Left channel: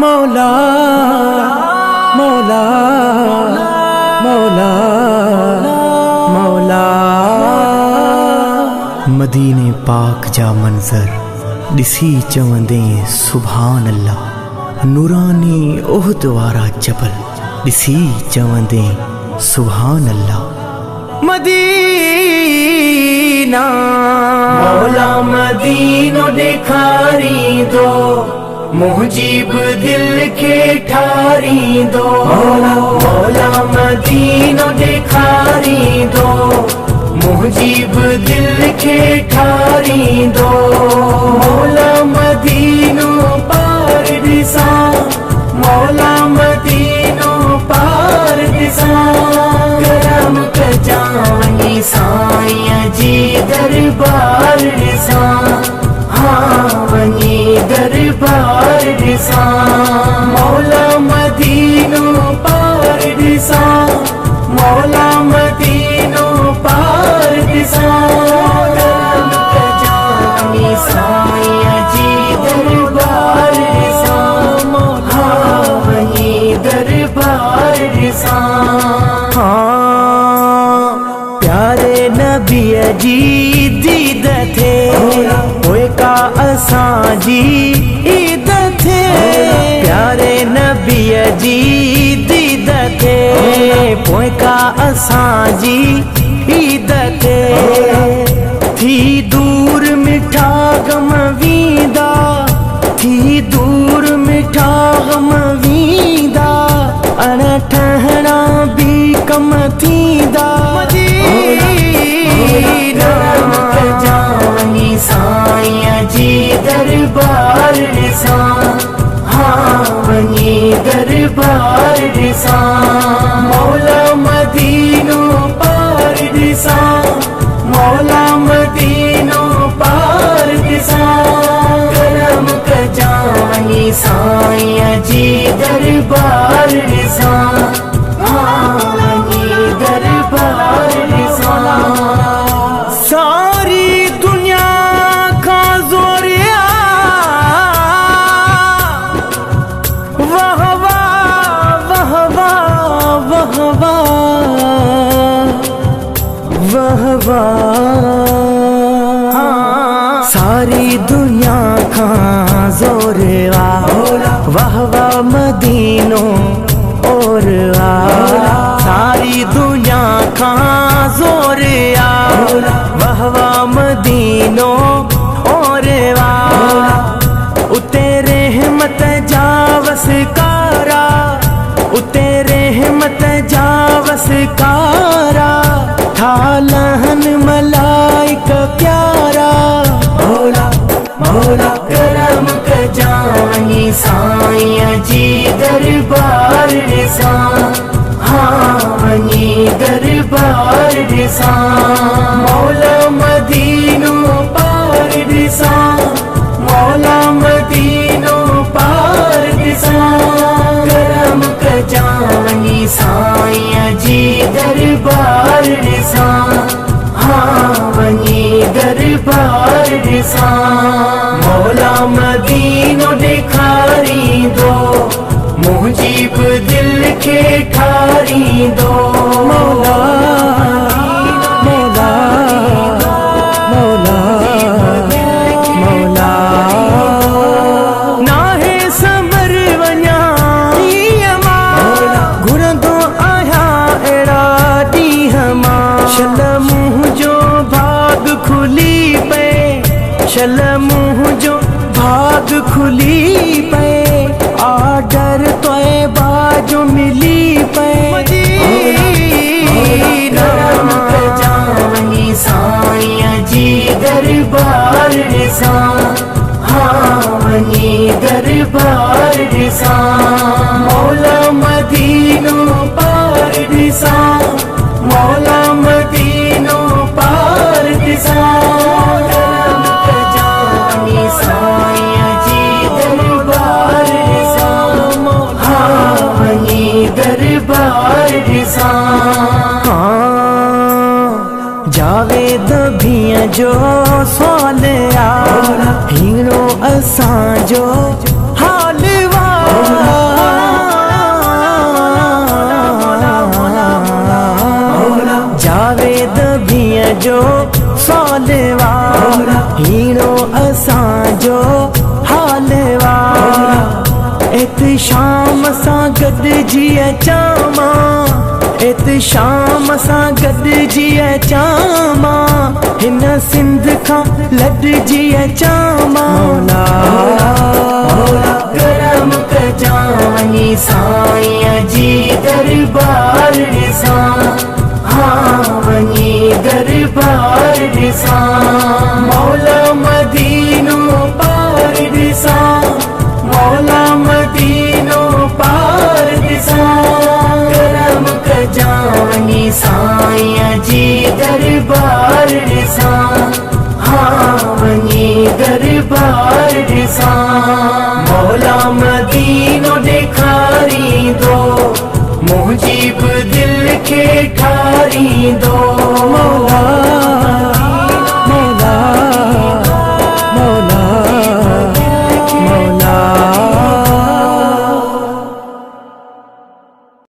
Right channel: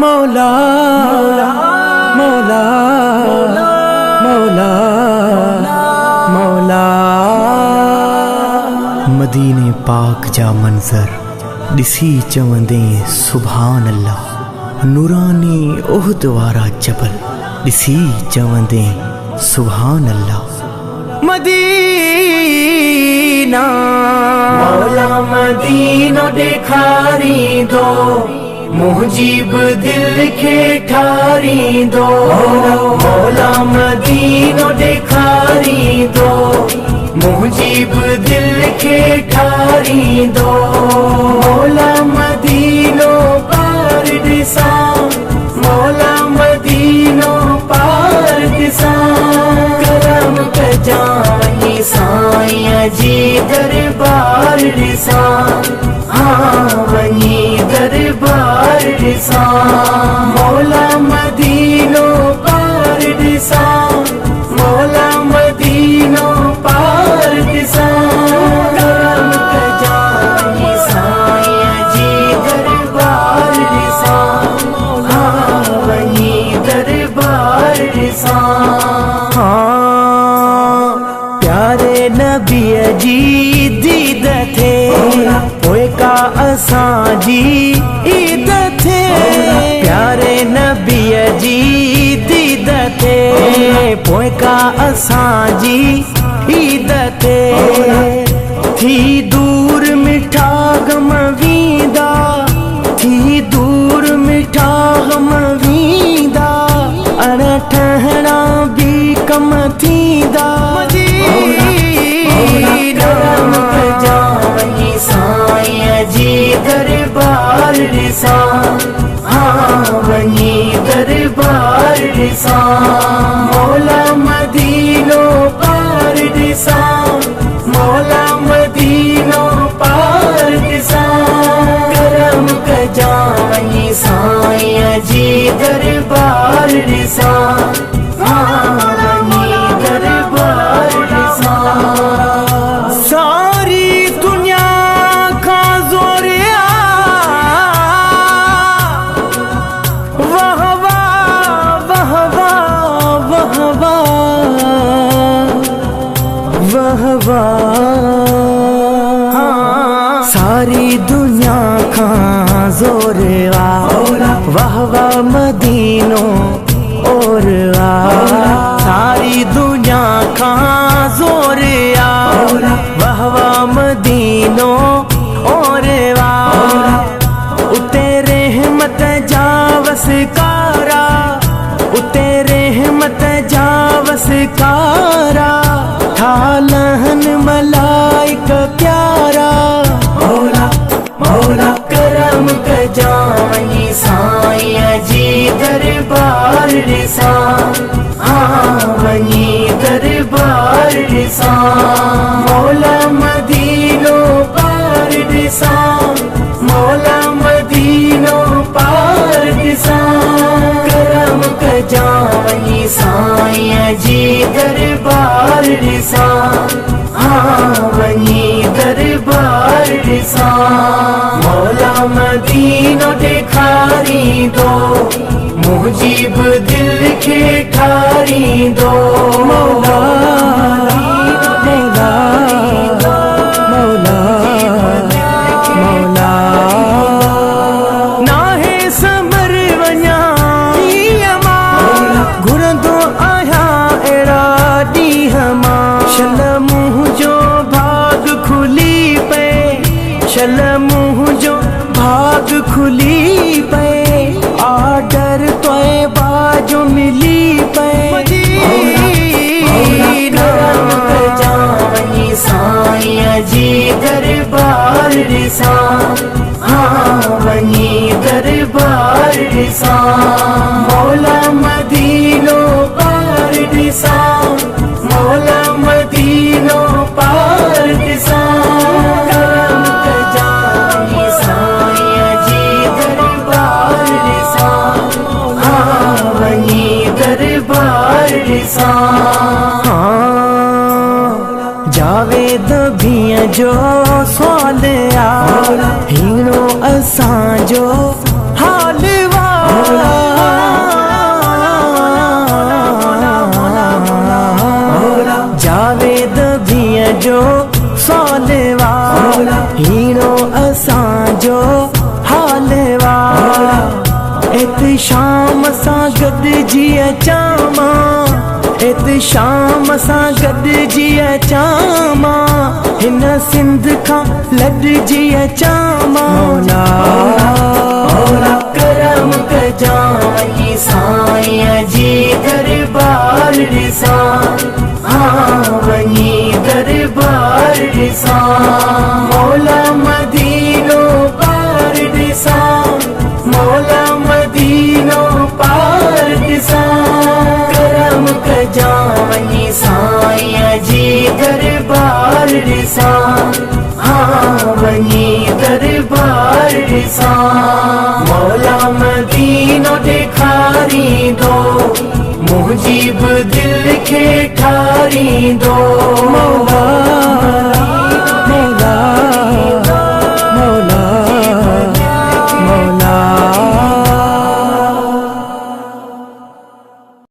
मौला मौला मौला मौला। मदीने पाक जा मंजर दिसी चवंदे सुभान अल्लाह। नूरानी ओहद वारा जबल दिसी चवंदे सुभान अल्लाह। मदीना मौला मदीनो दिखारी दो, मुजीब दिल के ठारी दो। मौला मदीनो दिखारी दो, मुजीब दिल के ठारी दो। मौला मदीनो पार दिसा, मौला मदीनो पार दिसा। करम कजाई साईं जी दरबार दिसा, हाँ वही दरबार दिसा। मौला मदीनो पार दिसा, मौला मदीनो पार दिसा। करम कजाई साईं जी दरबार दिसा, हाँ वही दरबार दिसा। हाँ प्यारे नबी जी दीद थे, पोए का असां जी ईद थे। प्यारे नबी जी दीद थे, पोए का असां जी ईद थे। थी दूर मिठा गम वींदा, थी दूर मिठा गम वींदा। अण ठहणा भी कम थींदा। मदीना जाई साईं जी दरबार दिसा, हाँ वही दरबार दिसा। मौला मदीनो पार दिसा, मौला मदीनो पार दिसा। करम कजाई साईं जी दरबार दिसा, हाँ वही दरबार दिसा। सारी दुनिया का जोरिया वाह वाह वाह वाह वाह वाह वाह। सारी दुनिया का जोरवा वाह वाह मदीनो और सारी दुनिया का जोरिया वाह वाह मदीनो और उते रहमत जावस कारा, उते रहमत जावस कारा। ठालहन मलाइक प्यारा। मौला मौला करम कजाई साईं जी दरबार दिसा, हाँ वही दरबार दिसा। मौला मदीनो पार दिसा, मौला मदीनो पार दिसा। करम कजाई साईं जी दरबार दिसा, हाँ वही दरबार दिसा। मौला मदीनो दिखारी दो, मुजीब दिल के ठारी दो। मौला मौला मौला मौला। नाहे समर वञा घुरंदो आहियां अहिड़ा ॾींहं मां। शल मुंहुं जो भाग खुली पे, शल मुंहुं जो भाग खुली पे। आर्डर तोए बाजो मिली पे। मदीना जाई साईं जी दरबार दिसा, हाँ वही दरबार दिसा। मौला मदीनो पार दिसा, मौला मदीनो पार दिसा। करम कजाई साईं जी दरबार दिसा, हाँ वही दरबार दिसा। जावेद भी जो सवाल आ हीरो असांजो हाल जावेद भीअ जो सवाल हीरो असांजो हाल इत शाम सां गॾिजी अचां मां इत शाम सां गॾिजी अचां मां हिन सिंध खां लॾिजी अचां मां मौला करम कजाई साईं जी दरबार ॾिसां वञी दरबार ॾिसां मौला मदीनो पार ॾिसां मौला मदीनो पार ॾिसां करम कजाई साईं जी दरबार ॾिसां वञी दरबार ॾिसां मौला मदीनो ॾेखारींदो मुंहिंजी बि दिलि खे ठारींदो मौला मौला मौला मौला